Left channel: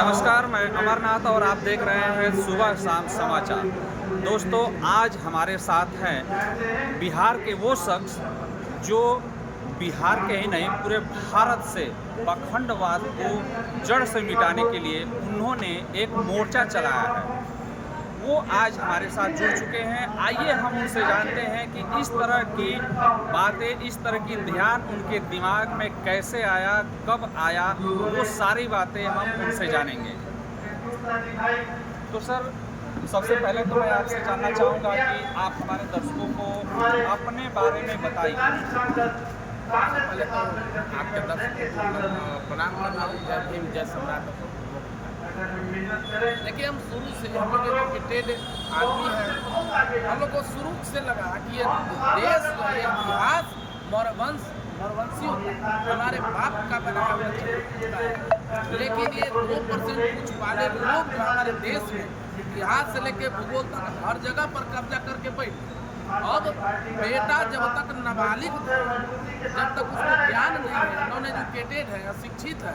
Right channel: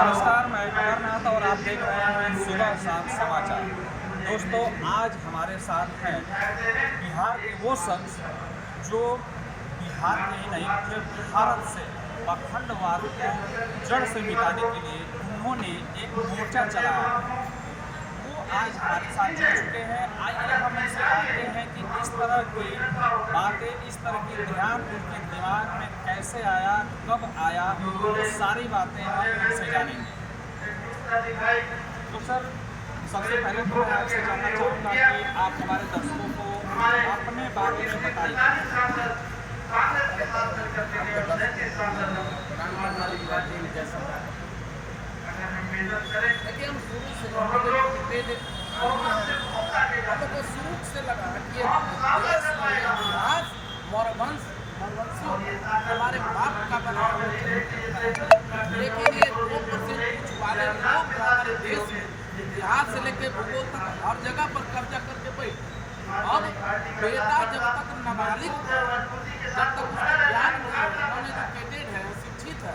नमस्कार, मैं अमरनाथ और आप देख रहे हैं सुबह शाम समाचार। दोस्तों, आज हमारे साथ हैं बिहार के वो शख्स जो बिहार के ही नहीं पूरे भारत से पाखंडवाद को जड़ से मिटाने के लिए उन्होंने एक मोर्चा चलाया है। वो आज हमारे साथ जुड़ चुके हैं। आइए हम उनसे जानते हैं कि इस तरह की बातें, इस तरह की ध्यान उनके दिमाग में कैसे आया, कब आया, वो सारी बातें हम उनसे जानेंगे। तो सर, सबसे पहले तो मैं आपसे जानना चाहूँगा कि आप हमारे दर्शकों को अपने बारे में बताइए। पहले तो आपके दर्शकों को प्रणाम करना हूँ। जय भीम, जय सम्राट। देखिए, हम शुरू से हम लोग एजुकेटेड आदमी हैं। हम लोग को शुरू से लगा कि ये देश का इतिहास मौरवंशी होता है, हमारे बाप का बनाया हुआ चरित्र है। लेकिन ये 2% कुछ वाले लोग हमारे देश में इतिहास से लेकर भूगोल तक हर जगह पर कब्जा करके बैठे। अब बेटा जब तक नाबालिग, जब तक उसको ज्ञान नहीं है, नॉन एजुकेटेड है, अशिक्षित है,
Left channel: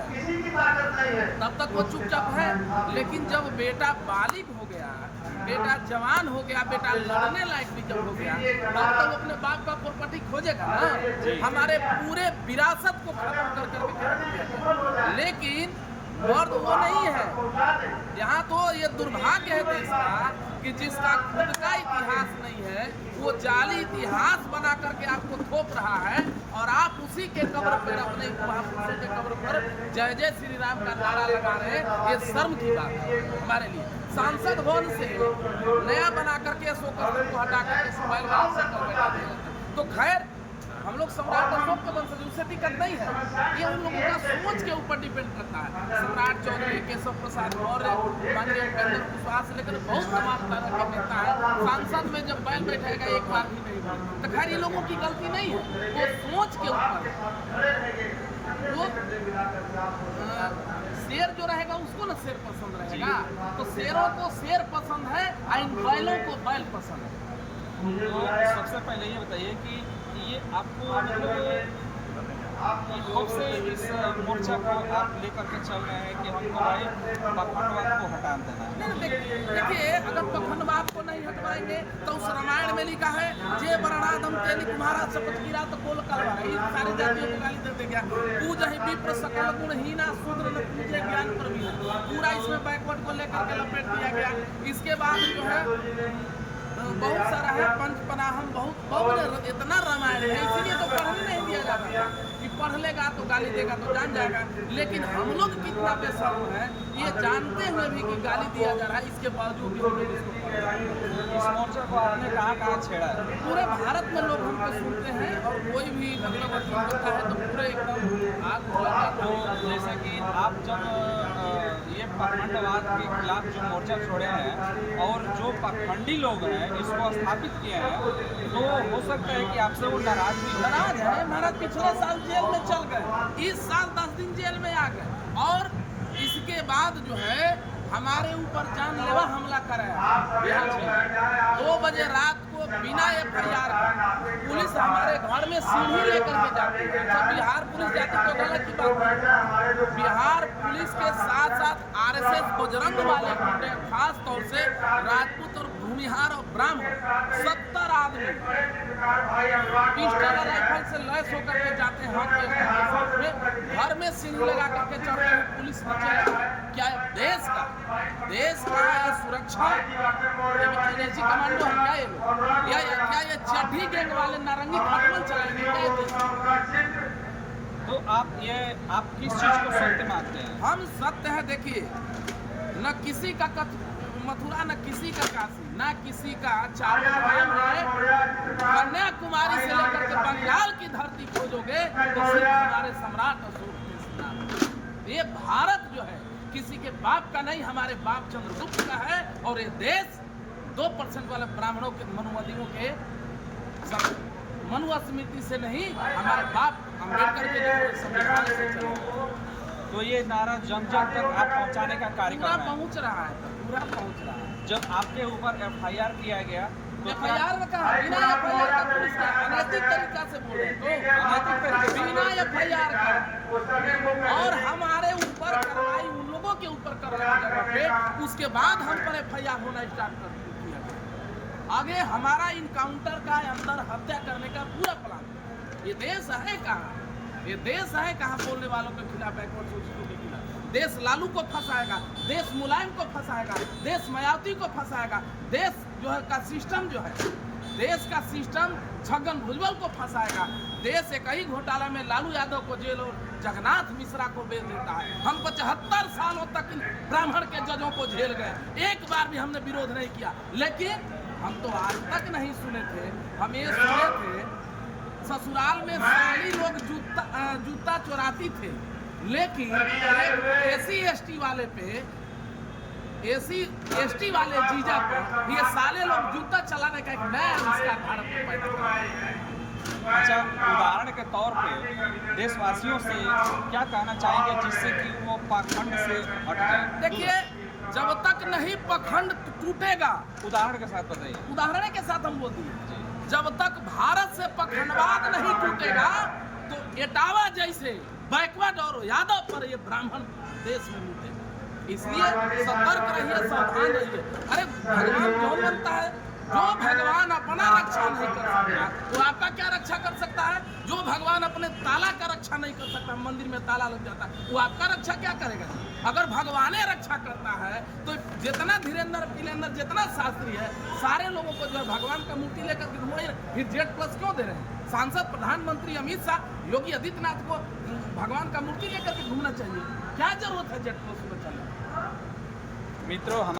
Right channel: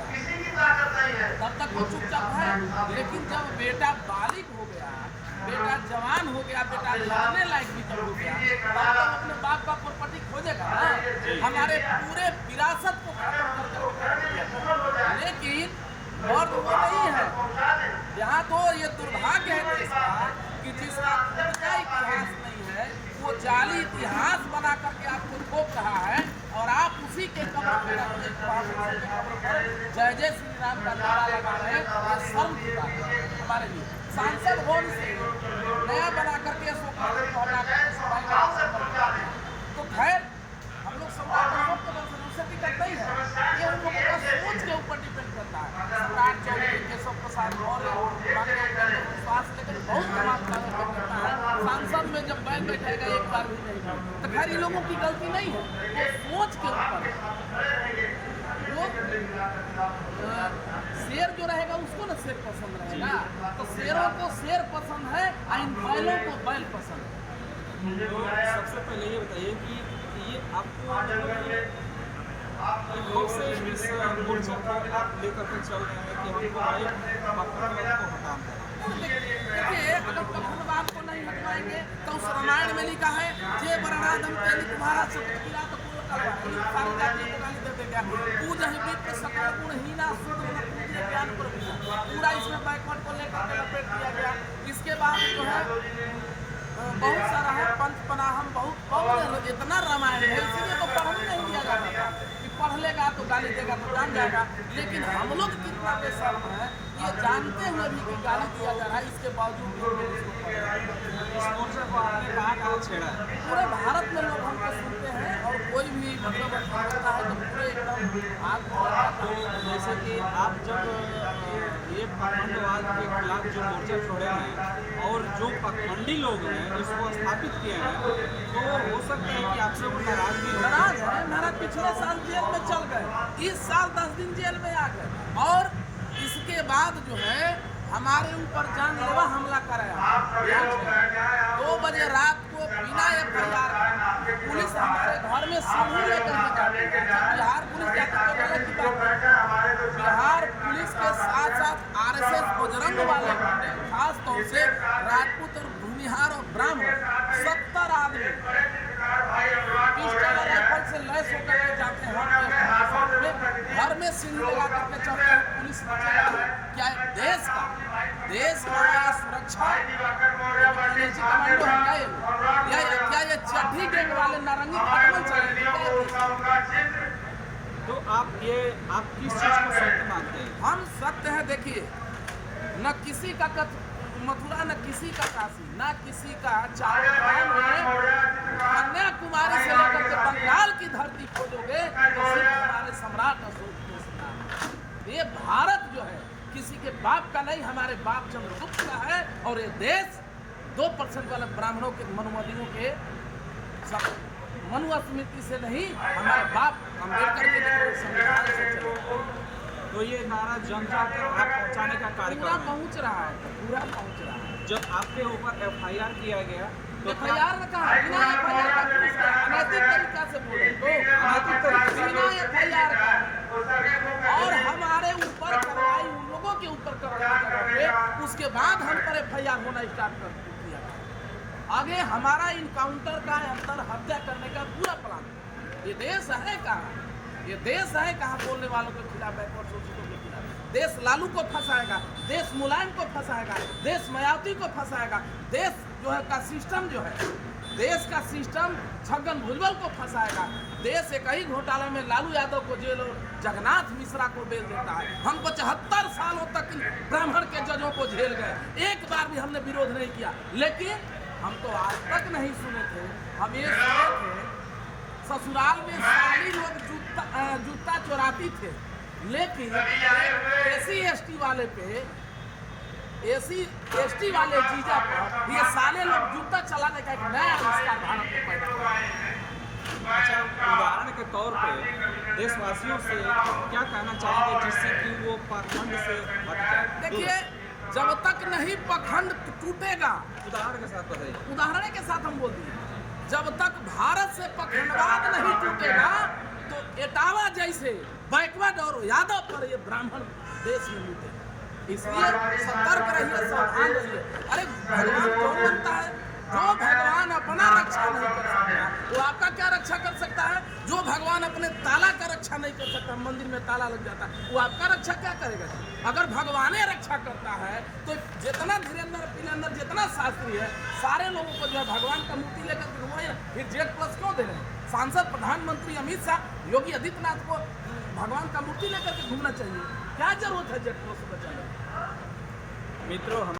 तब तक वो चुपचाप है। लेकिन जब बेटा बालिग हो गया, बेटा जवान हो गया, बेटा लड़ने लायक भी जब हो गया, तब तक अपने बाप का प्रॉपर्टी खोजेगा ना। हमारे पूरे विरासत को खत्म कर दिया। लेकिन मर्द वो नहीं है। यहाँ तो ये दुर्भाग्य है देश का कि जिसका खुद का इतिहास नहीं है, वो जाली इतिहास बना करके आपको थोप रहा है और आप उसी के कब्र पर, अपने महापुरुषों के कब्र पर जय जय श्री राम का नारा लगा रहे हैं। ये शर्म की बात है हमारे लिए। सांसद भवन से नया बना करके अशोक को हटा करके सुबाई वाला से कर देते। तो खैर, हम लोग सम्राट अशोक के वंश से टिकट नहीं है। ये उन लोगों का सोच के ऊपर डिपेंड करता है। सम्राट चौधरी, केशव प्रसाद मौर्य, माननीय उपेंद्र कुशवाहा से लेकर बहुत तमाम तरह के नेता है, सांसद में जब बैल बैठेगा एक बार भी नहीं बोले। तो खैर, इन लोगों की गलती नहीं है, वो सोच के ऊपर वो शेर जो रहेगा उसको ना शेर पसंद रहेगा। तो शेरों को शेर पसंद है और इन बैलों को बैल पसंद है। तो सबसे पहले ये बताइए कि ये आपको मतलब कब से इस मोर्चा को आप लेकर के चल रहे हैं कि हमको भाई पाखंडवाद को हटा देना है? देखिए, अगर पाखंडवाद को नहीं हटवाएंगे तो उस रामायण में लिखा है, जे वर्णादम तेली तुम्हारा शपथ कीरा तो कोल कलवा। सारी जातियों को गाली दे देगा। पूज ही विप्र सकल गुणहीना शूद्र न पूजे ज्ञान पर भी। पूरा इसमें बैकवर्ड को लेकर के लपेट दिया गया। इसके बाद जो है बहुत सारा है, पंचपनाहम बहुत इतना रामायण है। इसीलिए तो पढ़ने नहीं दिया जाता था कि पढ़ लेगा तो गाली देगा तो जान जाएगा। लेकिन हम लोग कितना बेशर्म है, ये जानते हुए भी कि गाली दिया जा रहा है, इसके बावजूद भी हम लोग इसको पढ़ रहे हैं। इस मोर्चे को आपने कहाँ छेड़ा है? पूरे भारत में लोग हमको सुनते हैं और कोई भी मतलब होता है तो पूरे एकदम आग भड़क जाता है। तो जैसे कि आप जब ये पाखंडवाद के खिलाफ जो मोर्चा छोड़े हैं और जो पाखंडी लोग हैं इसको स्थापित किए हैं, तो हो सकता है कि आपसे वो नाराज है। महाराज पिछले साल जेल में चल गए, इस साल 10 दिन जेल में आ गए और इसके बाद जो है हमारे ऊपर जानलेवा हमला कराया। बिहार में 2 बजे रात को बिना FIR का पुलिस हमारे घर में सीढ़ी लेकर के जाती है। जब बिहार पुलिस जाती तो गलत की बात है। बिहार पुलिस के साथ साथ RSS बजरंग वाले खास तौर से राजपूत और भूमिहार और ब्राह्मण 70 आदमी पिस्टल और राइफल से लैस होकर के जाते हैं। घर में सीढ़ी लगा करके चढ़ते हैं पुलिस नीचे। क्या देश का ये सुरक्षा एनर्जी कमांडो है क्या ये लोग? या क्या ये चड्ढी गैंग वाले नारंगी खटमल चलेंगे क्या ये देश? तो आप किस चीज़ को सत्य मानते हैं? हम सत्य है। देखिए, न किसी का मथुरा, न किसी का काशी, न किसी का चारों धाम है। कन्याकुमारी से लेकर के बंगाल की धरती खोजोगे तो सिर्फ हमारे सम्राट अशोक के नाम। ये भारत जो है किसी के बाप का नहीं, हमारे बाप चंद्रगुप्त का है। और ये देश 2% वाले ब्राह्मणों के, मनुवादियों के मनुस्मृति से नहीं, हमारे बाप अम्बेडकर के संविधान से चले। तो ये नारा जन जन तक आप पहुंचाने का कार्यक्रम पूरा पहुंच रहा है, पूरा पहुंच रहा है। जब आपके ऊपर FIR किया गया तो FIR में कहा बिना FIR का पुलिस का अनैतिक तरीका से बोले तो बिना FIR का और हमारे ऊपर कार्रवाई उन लोगों के ऊपर कर रहे जगह पे, उसके बाद हम पर FIR होना स्टार्ट कर किया गया। आगे हमारा इनकाउंटर का अंदर हत्या करने का पूरा प्लान। ये देश है कहाँ? ये देश है कहाँ बोलने वालों के खिलाफ, बैकवर्ड शोषितों के खिलाफ? देश लालू को फंसाएगा, देश मुलायम को फंसाएगा, देश मायावती को फंसाएगा, देश जो है का सिस्टम जो है, देश का सिस्टम छगन भुजबल को फंसाएगा। देश एक ही घोटाला में लालू यादव को जेल और जगन्नाथ मिश्रा को बेच देता है। हमको 74 सालों तक इन ब्राह्मण के जजों को झेल गए, एक बार भी हमने विरोध नहीं किया। लेकिन हम तो आज तक नहीं सुने थे, हम ये सुने थे ससुराल में साली लोग जूता चोराती थे, लेकिन SC ST वाले पे, SC ST वाले जीजा पर ये साले लोग जूता चलाने का एक नया आविष्कार भारत में पैदा कर। अच्छा, उदाहरण के तौर पे देशवासियों से क्या कहना चाहेंगे जिससे कि वो पाखंड से हट जाए? देखिए, जब तक नहीं पखंड टूटेगा, उदाहरण के साथ बताइए। उदाहरण के साथ हम बोल दिए, जब तक भारत से पखंडवाद नहीं टूटेगा तो एटावा जैसे बैकवर्ड और यादव पर ये ब्राह्मण देश में लूटेगा। इसलिए सतर्क रहिए, सावधान रहिए। अरे भगवान कौन बनता है? जो भगवान अपना रक्षा नहीं कर सकता वो आपका क्या रक्षा कर सकता है? जो भगवान अपने ताला का रक्षा नहीं कर सकता, मंदिर में ताला लग जाता है, वो आपका रक्षा क्या करेगा? अगर भगवान रक्षा करता है तो जितना धीरेन्द्र पिलेन्द्र जितना शास्त्री है, सारे लोगों को जो है भगवान का मूर्ति लेकर के घुमाए, फिर जेट प्लस क्यों दे रहे हैं? सांसद प्रधानमंत्री अमित शाह, योगी आदित्यनाथ को भगवान का मूर्ति लेकर के घूमना चाहिए। क्या जरूरत है जेट प्लस में चलने? मित्रों,